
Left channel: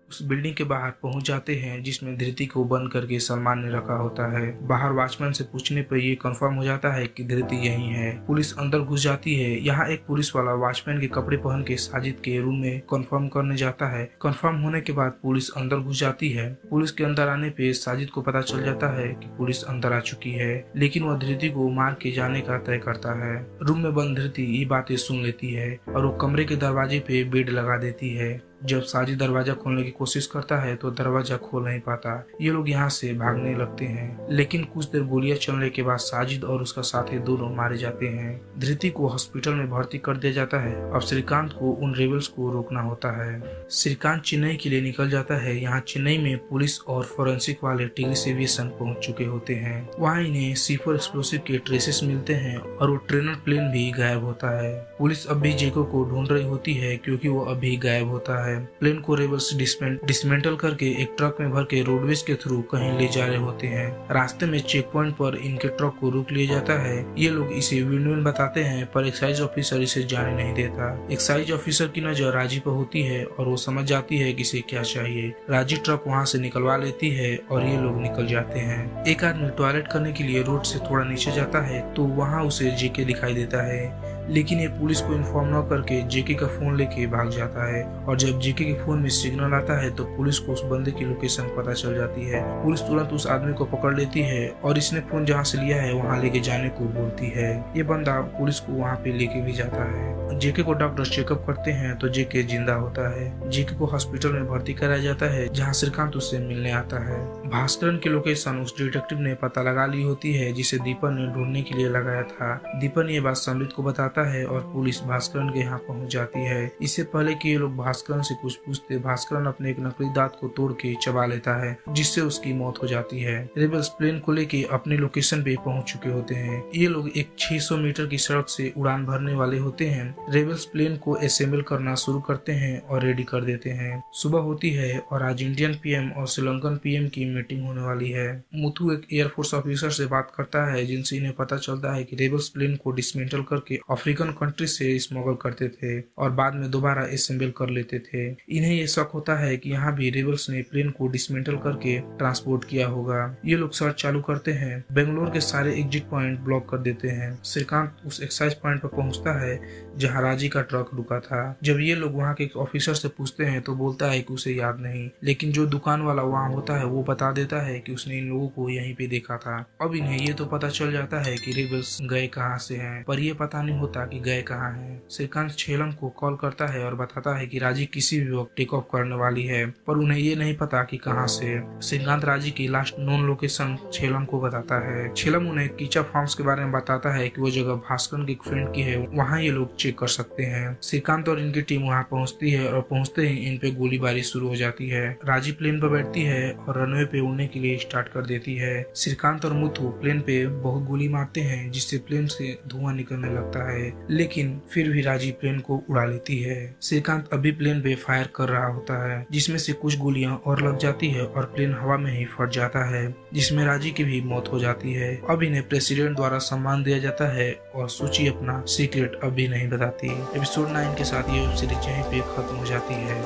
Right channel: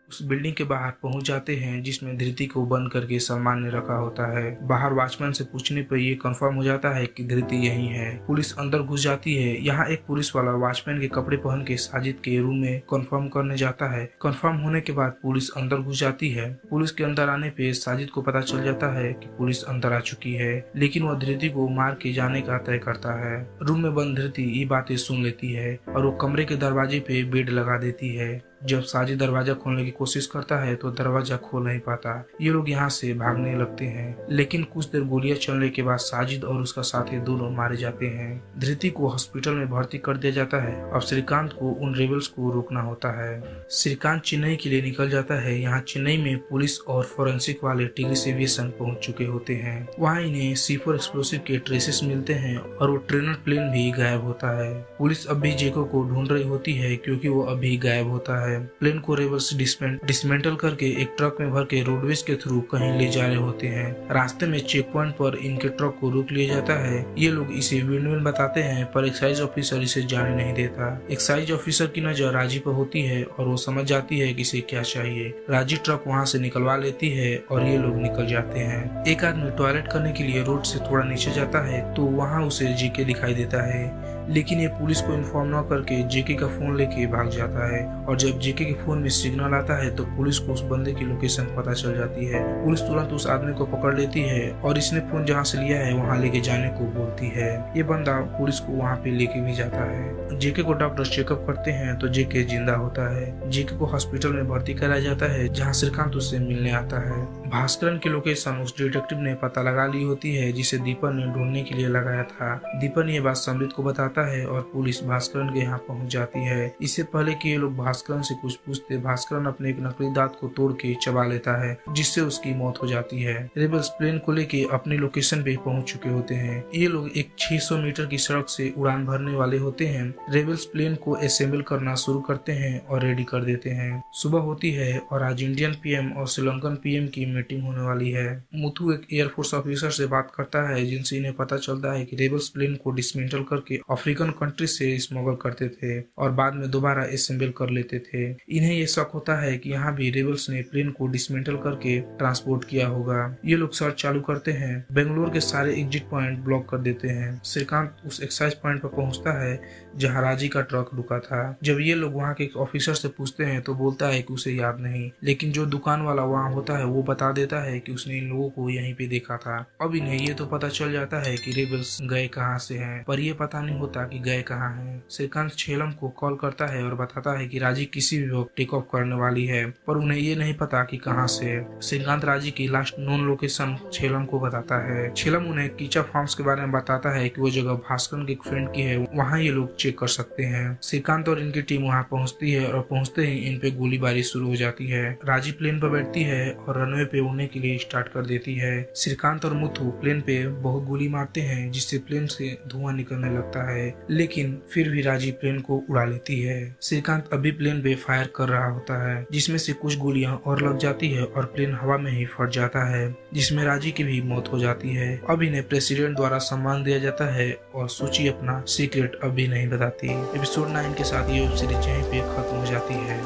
उस बिल्डिंग के बाहर पहुंच जाते हैं जिसमें धृति को बंद करके सलमान ने रखा होता है। बाहर वॉचमैन से पूछने पर यह कंफर्म हो जाता है कि धृति यहीं है। पुलिस अंदर घुस जाती है। यहाँ एक पुलिस वाला वॉचमैन के कपड़े पहन के साजिद के रूम में कंफर्म करने जाता है। कंफर्म होने के बाद पुलिस अंदर घुस जाती है। पुलिस के अंदर आने पे साजिद को पता चल जाता है कि पुलिस अंदर आ चुकी है, लेकिन वह धृति को मार के जाने का तय करता है। रूम में बंद धृति ये बातें सुन लेती है और वो कमरे के दरवाजे पे बेड लगा देती है। जब साजिद दरवाजा खोलने की कोशिश करता है तो दरवाजा खोल नहीं पाता। ये लोग यहाँ से भागने लगते हैं, लेकिन कुछ देर गोलियां चलने के बाद साजिद और उसका साथी दोनों मारे जाते हैं। धृति को हॉस्पिटल में भर्ती कर दिया जाता है। अब श्रीकांत को उन रेबल्स को रोकना होता है। श्रीकांत चेन्नई के लिए निकल जाता है। यहाँ चेन्नई में पुलिस और फोरेंसिक वाले टिग्रिस एविएशन पहुँच चुके होते हैं। वहाँ इन्हें C4 एक्सप्लोसिव के ट्रेसेस मिलते हैं और वो ट्रेनर प्लेन भी गायब होता है। पुलिस अब भी जेको को ढूंढ रही होती है क्योंकि वो अभी गायब होता है। प्लेन को रेबल्स डिसमेंटल करके एक ट्रक में भर के रोडवेज के थ्रू कहीं ले जा रहे होते हैं। रास्ते में चेक पॉइंट पर इनके ट्रक को रोक लिया जाता है। ये लोग इसे विंडमिल बताते हैं पर एक्साइज ऑफिसर इसे जाने नहीं देता। एक्साइज ऑफिसर की नजर राजी पर होती है और वो समझ जाती है कि इसे क्या चाहिए। राजी ट्रक वहाँ से निकलवा लेती है और ये लोग निकल जाते हैं। एक आदमी टॉयलेट करने के लिए रोड से थोड़ा नीचे जाता है तो वहाँ उसे जेके दिखाई देता है, लेकिन ये पुलिस को इन्फॉर्म न करके जेके का फोन लेके भाग जाता है और जब जेके के फोन में सिग्नल आता है तो पुलिस को उस बंदे की लोकेशन पता चल जाती है। पुलिस तुरंत उस आदमी को पकड़ लेती है और इसने फोन जहाँ से लिया है वहाँ लेके जाने को बोलती है। ये बंदा पुलिस को वहाँ पे लेके भी जाता है। जेके को डॉक्टर चेकअप करते हैं तो जेके जिंदा होता है। जेके को हॉस्पिटल में भर्ती कराया जाता है जहाँ श्रीकांत उससे मिलने आता है। भास्करन की लोकेशन उस डिटेक्टिव ने पता लगा ली होती है जिसे दीपन ने ढूंढने के लिए लगाया था। दीपन ये बात संबित को बताता है और पुलिस भास्करन के यहाँ पहुँच जाती है। इससे पहले कि ये लोग भास्करन से कुछ पूछते, भास्करन अपने एक नकली दांत को तोड़ के चबा लेता है जिससे उसकी मौत हो जाती है। रेबल्स प्लेन को लेके अपने लोकेशन पे पहुंच चुके होते हैं। ये लोग एक 600 मीटर की सड़क से उड़ान भरने वाले होते हैं। रेबल्स प्लेन को असेंबल करना शुरू करते हैं और रेडी कर देते हैं। सुबह होती है और आज इंडियन पीएम और श्रीलंकन पीएम की मीटिंग होने वाली है। मुथु एक एयरफोर्स ऑफिसर से बात करता है जिनसे इन्हें पता चलता है कि रेबल्स प्लेन को डिसमेंटल करके अफ्रीका अफ्रीकन कंट्री से स्मगल करते थे और बाद में दोबारा असेंबल कर लेते थे। इन्हें ये शक होता है कि यहाँ भी रेबल्स ने प्लेन को डिसमेंटल करके ट्रांसपोर्ट किया होगा। ये लोग सर्च चालू करते हैं, बेंगलोर के सारे एग्जिट पॉइंट ब्लॉक कर देते हैं। श्रीकांत उस एक्साइज पॉइंट पर पहुंचता है जहां राजी का ट्रक रुका था। जब ये लोग वहां के ऑफिसर से पूछते हैं तो बोलता है कि उसे याद नहीं, लेकिन जो दुकान वाला वहां होता है वो बता देता है कि उसने इन लोगों को यहीं पे देखा था। अब इन्हें ये तो पता चल जाता है कि रेबल्स गए कहाँ से हैं, पर ये पता नहीं होता कि गए कहाँ हैं। श्रीकांत छेलम को कॉल करता है और बताता है कि राजी किसी भी वक्त टेक ऑफ करने वाली है, पर उन्हें ये नहीं पता कि कहाँ से। श्रीकांत राजी की लास्ट नोन लोकेशन छेलम को बताता है। छेलम उन्हें कीचा फार्म्स के बारे में बताता है कि वो जगह भास्कर के एक फ्रेंड की है, वहाँ ये लोग चेक कर सकते हैं। श्रीकांत और इनकी टीम वहाँ पहुँचती है और पहुँचते ही इन पे गोलीबारी शुरू हो जाती है। राजी प्लेन पर बैठती है और रनवे पे उड़ने के लिए स्टार्ट कर देती है। श्रीकांत और मुथु प्लेन पे बहुत गोली मारते हैं जिससे प्लेन से धुआं निकलने लगता है, लेकिन फिर भी राजी प्लेन को उड़ा लेती है। श्रीकांत अभी प्लेन पे फायर कर रहा होता है जिसमें से कुछ गोलियां और लग जाती है और प्लेन हवा में ही फट जाता है, जिसमें राजी की भी मौत हो जाती है। अब इन्हें प्रेसिडेंट द्वारा सम्मान दिया जाता है और सूची अपना सीक्रेट अभी नहीं बताती। एपिसोड 9 के साथ ये वेब सीरीज यहीं पे खत्म हो जाती है।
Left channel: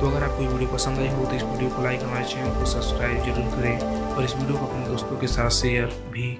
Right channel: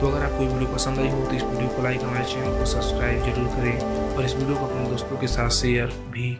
तो अगर आपको ये वीडियो पसंद आई हो तो इस वीडियो को लाइक, हमारे चैनल को सब्सक्राइब जरूर करें और इस वीडियो को अपने दोस्तों के साथ शेयर भी